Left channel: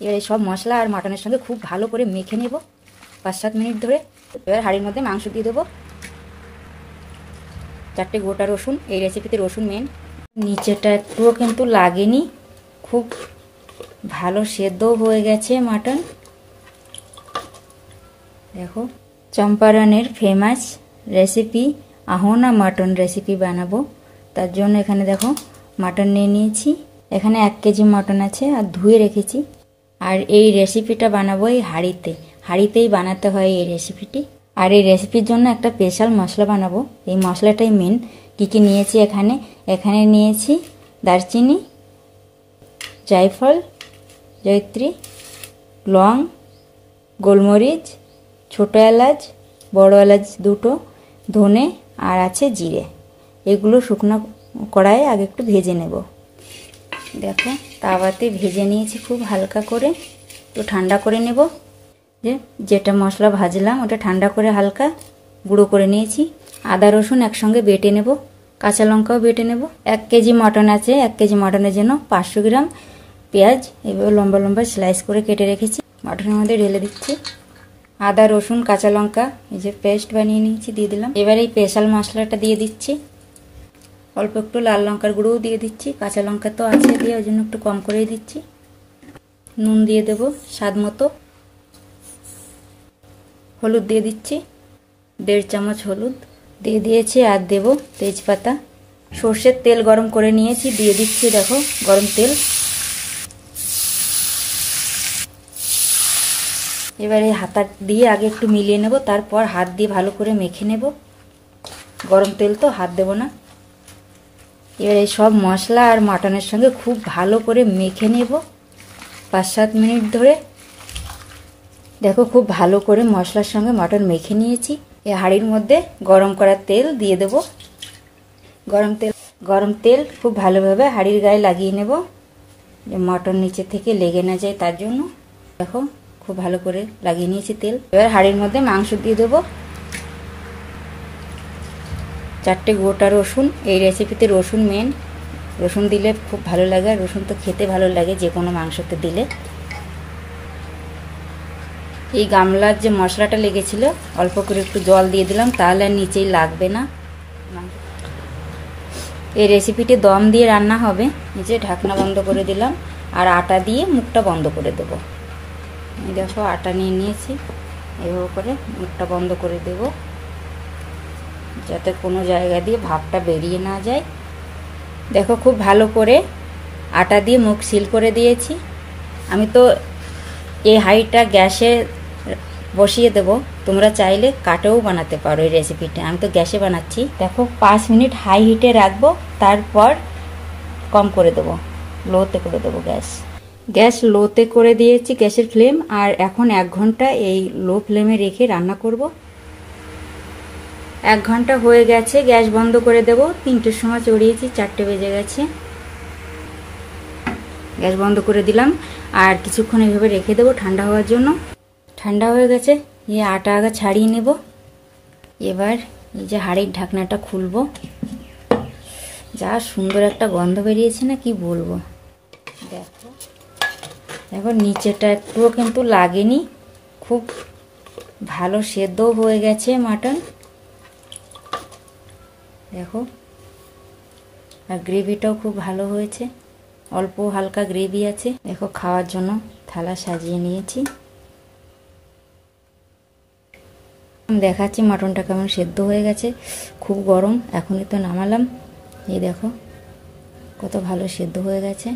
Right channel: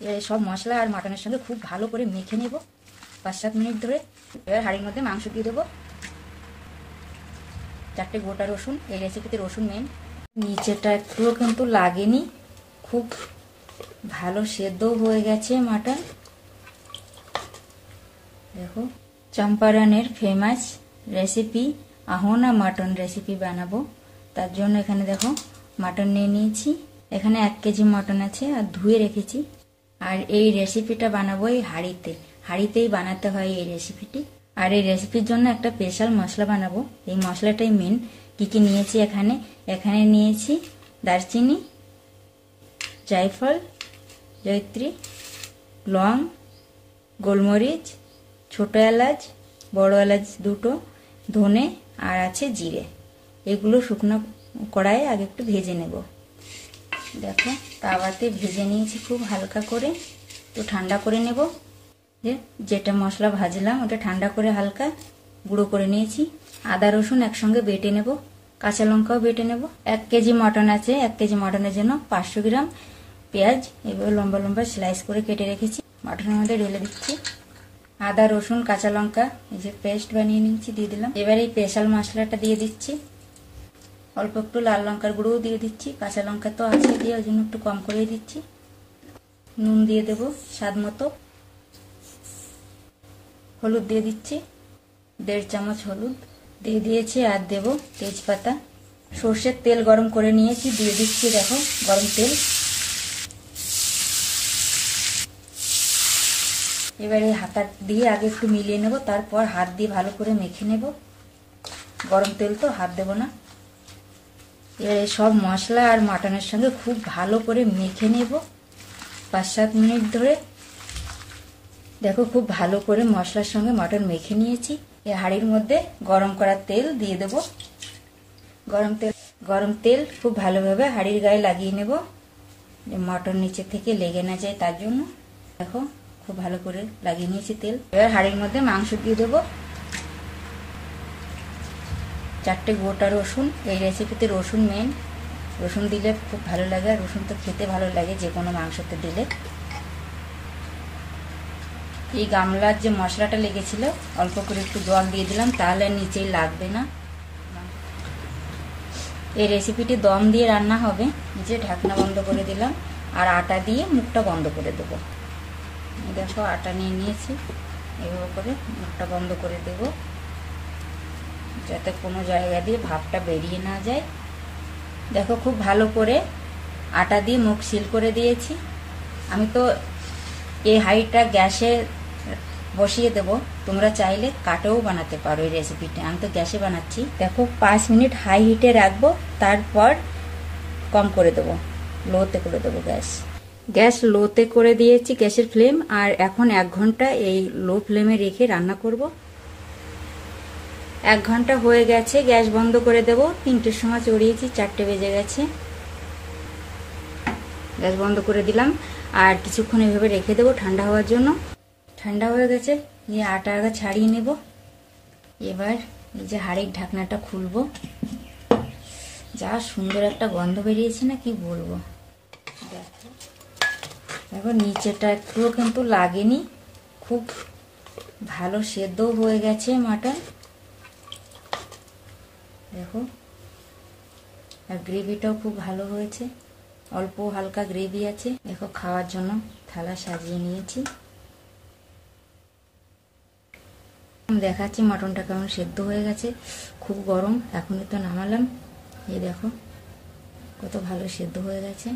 এবার এই সব মশলা আর মাটনের সঙ্গে খুব ভালো করে মেখে নেব 5-7 মিনিট ধরে। এবার হাঁড়ির মধ্যে মাংস দিয়ে দেবো। 4টে গোটা রসুন, এই রেসিপিতে রসুন মেন। নিচেটা একটুও কিন্তু লাগেনি, খুব ভালো সেদ্ধ হয়ে গেছে মাটন। দেখো চম্পারনের ফেমাস রেসিপি আহোনা মাটন রেসিপি বানাবো। তার জন্য এখানে দেখো মাটন নিয়ে নিয়েছি। এখানে 1 কেজি মাটন আছে আর ধুয়ে রেখেছি। আর এই রেসিপিটা বানাবো এই হাঁড়িতেই বানাতে হয় এই রেসিপিটি। আর এই রেসিপির জন্য একটা স্পেশাল মশলা বানাবো, এই মশলাটাই মেন। কি কি নিয়েছি এখানে নিয়েছি দারচিনি, জায়ফল, জয়িত্রী, লং, গোলমরিচ, ছোট এলাচ, বড় এলাচ 2টো, ধনে আর আছে জিরে। এগুলো শুকনো কড়াইয়ে আগে একটু ভেজে নেব। দেখো তাওয়াতে ভেজে নিয়েছি খুব হালকা করে, একটু ঠান্ডা করে নেব। যেটা মশলা ভাজলাম ওটা ঠান্ডা করে হালকা গুঁড়ো করে নিয়েছি। আদা রসুন একসঙ্গে বেটে নেব, কাঁচা লঙ্কাও বেটে নেব। 1 কেজি মটন আছে, 1 কেজি মটনের জন্য 500 গ্রাম পেঁয়াজ এভাবে লম্বা লম্বা স্লাইস করে কেটে রেখেছি, মটনের মধ্যে ঢেলে দিচ্ছি। আদা রসুন কাঁচা লঙ্কা এই যে পেস্ট বানিয়ে নিয়েছি দিয়ে দিলাম। এবার এই স্পেশাল মশলাটা দিয়ে দিচ্ছি। অল্প একটু লাল লঙ্কার গুঁড়োও দিয়ে দিচ্ছি, কাঁচা লঙ্কা তো আছে দিয়ে ওই জন্য একটু কম করেই দিচ্ছি। নুন দিয়ে দেবো স্বাদ মতো। হলুদ দিয়ে দিচ্ছি 1.5 চামচ হলুদ দিয়ে দিয়েছি। আর দেব তেজপাতা। সর্ষের তেল গরম করে নিয়েছি, দিয়ে দিচ্ছি দেখো গরম তেল। এবারে হাতা দিয়ে আগে একটু মিলিয়ে নেব, তারপর হাত দিয়ে ভালো করে মেখে নেব। গরম তেল তো হাত দেব না। এবার এই সব মশলা আর মাটনের সঙ্গে খুব ভালো করে মেখে নেব 5-7 মিনিট ধরে। দেখো খুব ভালো করে মশলার সঙ্গে মটন মেখে নিয়েছি। এই হাঁড়ির মধ্যে গরম করা তেল দিয়ে দেব। গরম তেল খুব ভালোভাবে হাঁড়ির গায়ে লাগিয়ে নেব, যে মটন নিচে থেকে লেগে না যায় তার জন্য। দেখো খুব ভালো করে লাগিয়ে নিয়েছি তেল। এবার হাঁড়ির মধ্যে মাংস দিয়ে দেব। 4টে গোটা রসুন, এই রেসিপিতে রসুন মেন। রসুন দিলে খুব ভালো লাগে, রসুন তো খেতে ভালো লাগে যে কোনো মাংসতে দিলে। এই গামলার যে মশলাটা লেগেছিল অল্প করে একটু জল দিয়ে দিলাম, তাহলে আর নিচেই লাগবে না। এই রেসিপিটি দম দিয়ে রান্না হবে। নিচে ঢাকনা বন্ধ করে দিলাম আর আটা দিয়ে মুখটা বন্ধ করে দেব। এই দেখো আটা নিয়ে নিয়েছি, এভাবে করে মুখটা বন্ধ করে দেব যাতে কোনো জায়গা দিয়ে ভাপটা বেরিয়ে না যায়। দেখো খুব ভালো করে আটা দিয়ে মুখ সিল করে দিয়েছি। আমি তো এই হাঁড়িটা গ্যাসে বসিয়ে দেব, তোমরা চাইলে কাটেও বানাতে পারো এই রেসিপিটা। আমি তো গ্যাসে বানাচ্ছি। দেখো 5 মিনিট হাই হিটে রাখবো, তারপর কম করে দেবো, লোতে করে দেবো গ্যাস লোতে করে দিয়েছি গ্যাসের ফ্লেম। আর এখন 1 ঘন্টা এই লো ফ্লেমে রেখে রান্না করব। 1 ঘন্টা হয়ে গেছে, গ্যাস বন্ধ করে দেব। 3টের সময় চড়িয়েছি, 4টে বেজে গেছে। গ্যাস বন্ধ করে দিলাম আর কিছুক্ষণ এইভাবে রেখে দেবো ঠান্ডা হওয়ার জন্য। ঠান্ডা হয়ে গেছে, এই আটা আগে ছাড়িয়ে নেব। এবার এই যে হাঁড়ির ঢাকনাটা খুলবো। যা সুন্দর একটা গন্ধ বেরিয়েছে না, কি বলবো। দেখো নিচেটা একটুও কিন্তু লাগেনি, খুব ভালো সেদ্ধ হয়ে গেছে মাটন। দেখো আর গ্রেভিটাও খুব ভালো হয়েছে, অল্প হালকা গ্রেভি আছে। দেখো খাওয়ার জন্য থালা সাজিয়ে নিয়েছি। দেখাচ্ছি মাটনটা কেমন সেদ্ধ হয়ে গেছে, খুব গরম। এখনই তো নামালাম, এই দেখো কত ভালো সেদ্ধ হয়ে গেছে।